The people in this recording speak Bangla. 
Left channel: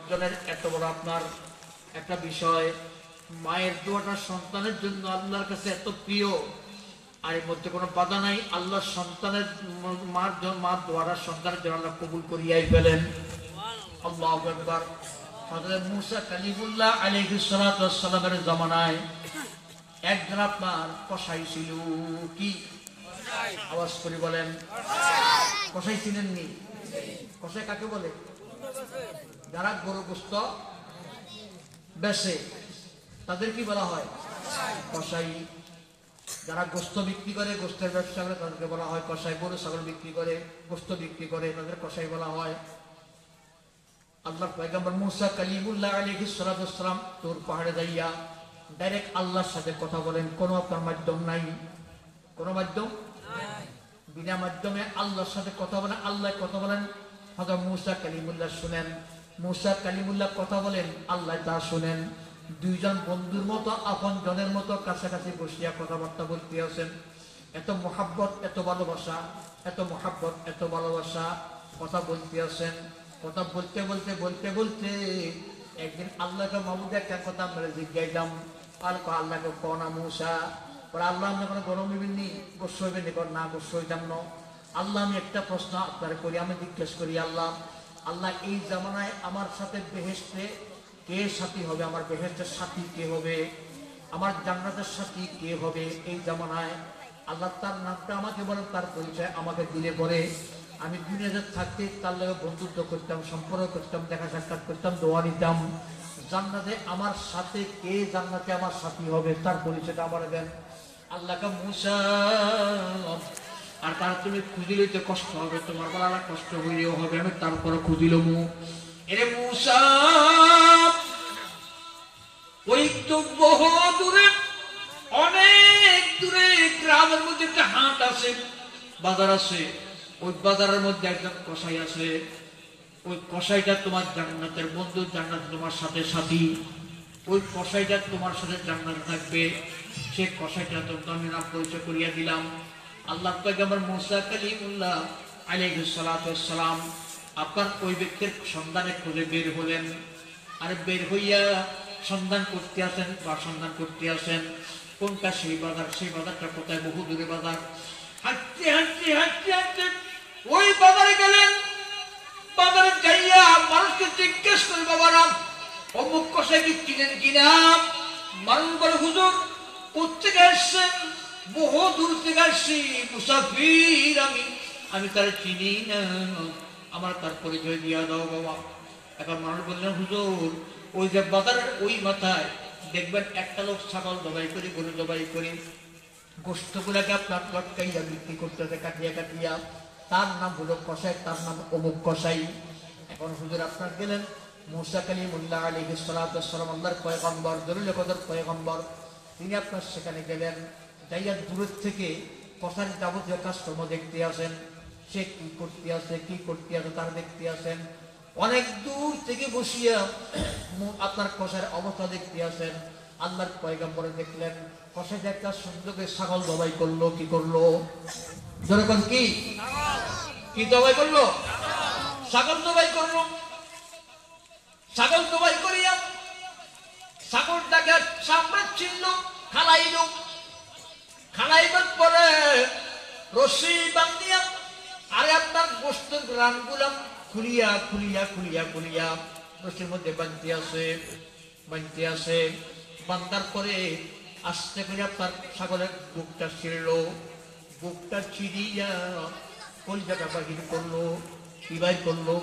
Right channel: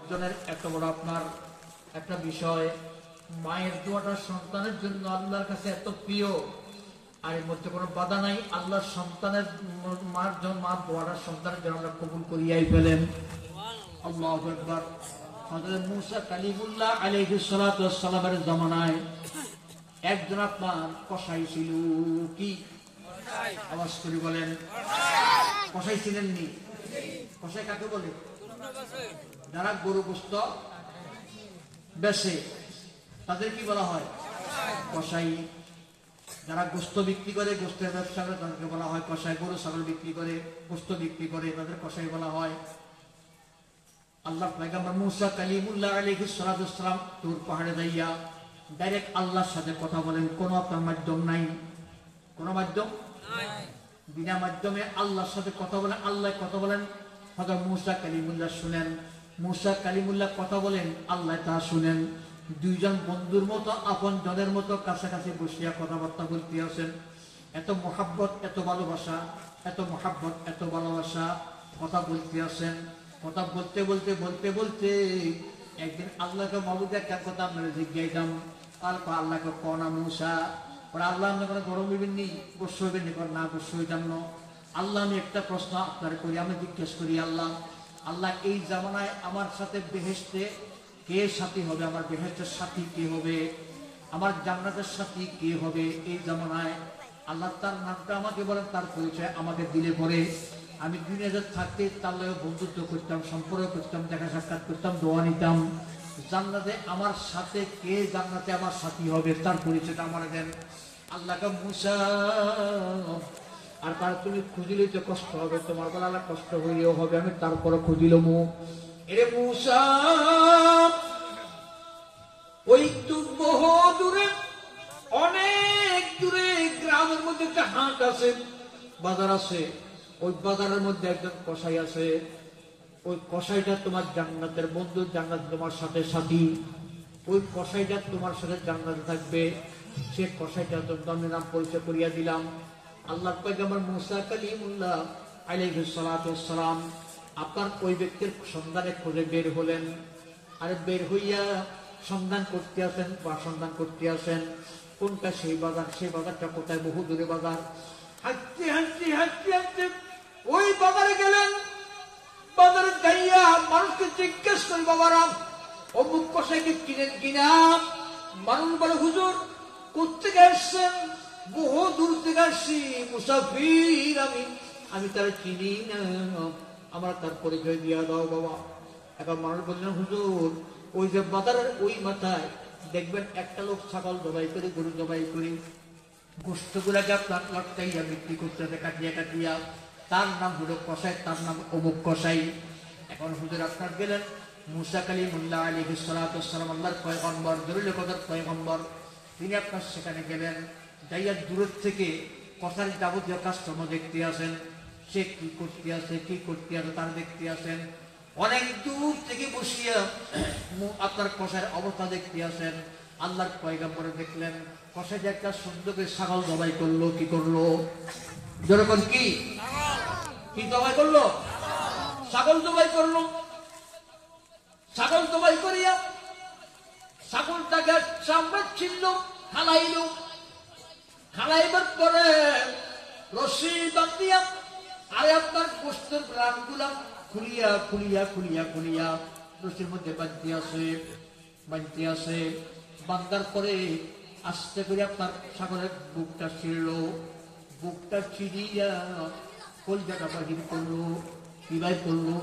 অর্জনের এত বড় আপনার একটা বিষয়, মায়ের দোয়াটা সন্তানের জন্য আল্লাহর কাছে এত প্রিয়, আর এর মধ্যে কোনো বাধা নাই। আল্লাহ সন্তানের মার দোয়াটা সন্তানের জন্য আল্লাহ কবুল করিয়াই ফেলেন। আল্লাহু আকবার। হযরত মূসা কালিমুল্লাহ আলাইহিস সালাতু ওয়াস সালামের জামানায় একজন আপনার কসাই ছিল। কি আওয়াজ করে বলেন? কসাই ছিলেননি? কসাই কাকে বলে? যারা গরু গোশত বেচে তাদের কি বলা হয়? কসাই। যারা গোশত বিক্রি করে, গোশতের ব্যবসা করে, তাদেরকে বলা হয় কসাই। গরু ছাগল বিক্রি করে, গোশত বিক্রি করে, তাদের কসাই বলা হয়। আল্লাহ পয়গম্বর মূসা কালিমুল্লাহ আলাইহিস সালাতু ওয়াস সালাম তুর পাহাড়ে যাইয়া ডাইরেক্ট আল্লাহর সাথে কথা বলেন, কোনো আপনার মাধ্যম নাই, কোনো মাধ্যম নাই, বিনা মাধ্যমে আল্লাহর সাথে কথা বলেন। আল্লাহ কথা বলেন, হযরত মূসা কালিমুল্লাহ শুনেন। মূসা কালিমুল্লাহ কথা বলেন, আল্লাহ তা শুনেন। দুইজন বন্ধুর মতো, আপন জনের মতো কাছাকাছি বসিয়া কথাবার্তা বলতে আছেন। এত মহাব্বত, এত ভালোবাসা, এত মহাব্বত, এত ভালোবাসা, কথা বলতে আছেন। কথা বলতে বলতে বলতে বলতে একদিন আল্লাহকে মাহবুদ একটা কথা আমরা জিজ্ঞাইলাম। আল্লাহকে কনা মূসা, আল্লাহ আপনার কোনো গরম হইবেন নি, গোস্ব হইবেন নি? না, গোস্ব হইতাম না। আল্লাহ আমি একটা প্রশ্ন আপনার করি, আমি জিজ্ঞেস করি, আল্লাহ আল্লাহ এই জামানায় আমার সাথে বেহেশতে কে সাথী হবে? আমার বেহেশতের সাথী কে হবে? আমার জান্নাতের সাথী কে হবে এই জামানায়? আল্লাহ তার নামটা আমাকে বলেন, তার পরিচয় আমাকে দিলে পরে আমি দুনিয়াতে থাকতে তার লগে বন্ধুত্ব করতাম, সম্পর্ক করতাম, দেখা সাক্ষাৎ করতাম, দোয়া নিতাম। জান্নাতে আমার সাথে কে, জান্নাতে আমার সাথী হবে, তার পরিচয়টা আমার দেন। আল্লাহকে মূসা, আর তার তুমি খুঁজি লইতে কষ্ট হবে, তোমার বলার কষ্ট হইলেও হবে, আমি তারপরে খুঁজিল মু। এরে মূসা, ওই তো বহু দূরে, অনেক দূরে গ্রামের মধ্যে একটা হাট আছে, বাজার আছে। ওই বাজারের মধ্যে একজন কসাই আছে। ওই কসাইটা তোমার জান্নাতের বন্ধু, জান্নাত তোমার সাথে সাথী। ওই কসাইটা তোমার সাথে জান্নাতে থাকবে। সে কসাইটা তো আমি নাম পরিচয় করিয়া দিলাম। আল্লাহ পয়গম্বর মূসা কালিমুল্লাহ আলাইহিস সালাতু ওয়াস সালাম আপনার ওই ব্যক্তির সন্ধানে খুঁজে বের হলেন। আর বের হইয়া সন্ধান করতে আসেন, বা সন্ধান করতে আসেন কোনটা সেই বাজার, সেই বাজারটা কোথায়? বহু দূরে বাজার। হাঁটতে হাঁটতে হাঁটতে হাঁটতে ওই বাজারে গেলেন। বাজারে যাইয়া মানুষকে জিজ্ঞেস করি, বাবারা অমুক কসাইকে চিনেন কিনা? মানুষ বলে, হুজুর কোথেকে আসছেন? বহু দূর থেকে আসছি, মুসাফির আমি তারা চিনি না, আমার তার পরিচয় দিয়া দাও বাবা। এখন মানুষ বললেন, হুজুর ওই যে বাজারের ওই মাথায় দেখবেন একটা লোক ছাগল জবাই করে, গরু জবাই করে গোস্ত গুলাকে আপনার লটকাইয়া বিক্রি করতেছে, কাটিয়া কাটিয়া। তার নাম হলো কসাই, তার নাম অমুক কসাই। এখন হুজুর আপনার গেলেন মূসা কালিমুল্লাহ আলাইহিস সালাতু ওয়াস সালাম, আল্লাহর পয়গম্বর, দরুল কদর পয়গম্বর, তিনি আপনার সেখানে গেলেন। যাইয়া দূর থেকে কসার যাবতীয় কাজকর্ম দেখতে আসেন। সে কি করতে আছে, কি করতে আছে তার দেখতে আসেন। অনেক দূর থেকে বসিয়া আপনার কসার অবস্থা দেখতে আসেন। আল্লাহর পয়গম্বরে দেখলেন কসাই যে একটা সুন্দর ছাগল জবাই করলো। কি করলো? যেরকম কি কি জবাই করলো? ছাগল জবাই করলো। ছাগল জবাই করিয়া ছাগলটাকে চামড়া ছিন্ন, খালাইল। খালাইবার পরে রশি বান্ধিয়া আরে আপনার গোস্তের রানগুলা খুলিয়া খুলিয়া খুলিয়া খুলিয়া রশির মধ্যে বাঁধতে আসে। বান্ধার পরে আস্তে করে আপনার ছাগলের বুকটা ছিঁড়ল। বুকটা ছিঁড়িয়া কলজাটা বাহির করলো। কি বাই করলো?